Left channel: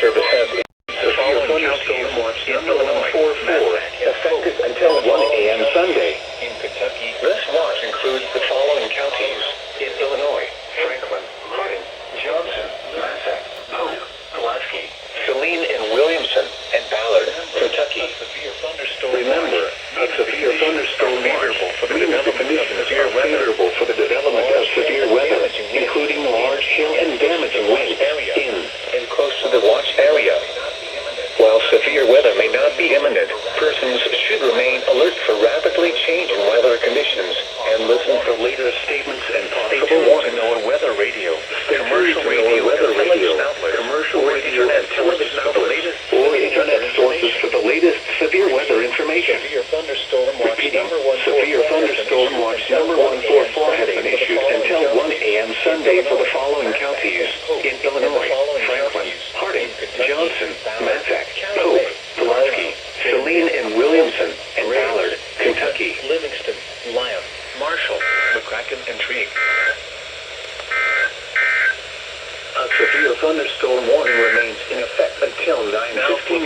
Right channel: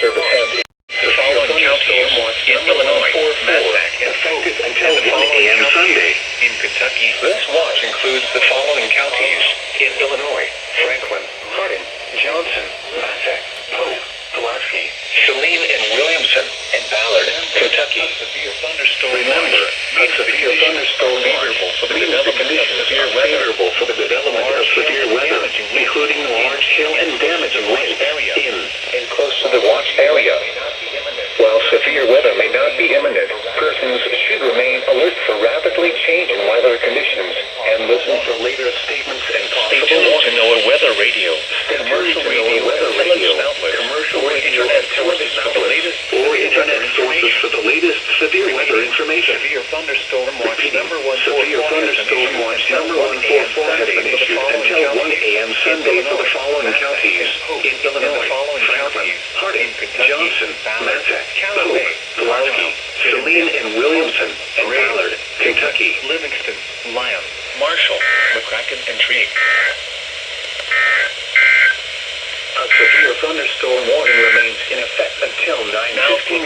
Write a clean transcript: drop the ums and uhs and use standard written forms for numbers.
Service has the following counties in Illinois: Massac, effective until 1 a.m. Sunday. In Kentucky, this watch includes the following counties in Illinois: Franklin, Hardin, Johnson, Massac, Polk, Pulaski, Saline and Williamson, and Ballard. Kentucky. Severe thunderstorm watch. A severe thunderstorm favorable for the development of severe weather. Favorable for the development of severe weather, including large hail and damaging winds in and close to the watch area. While severe weather may not be imminent, persons should remain alert for rapidly changing weather conditions and listen for later statements and stay tuned to NOAA Weather Radio, commercial radio, television outlets, or internet sources for the latest severe weather information. Severe thunderstorm watch number 144 has been issued until 1 a.m. Sunday for the following counties in Illinois: Franklin, Hardin, Johnson, Massac, Polk, Pulaski, Saline and Williamson, and Ballard. Kentucky, Livingston, Lyon, Marshall, McCracken, and Tree. A severe thunderstorm warning remains in effect until 9:15.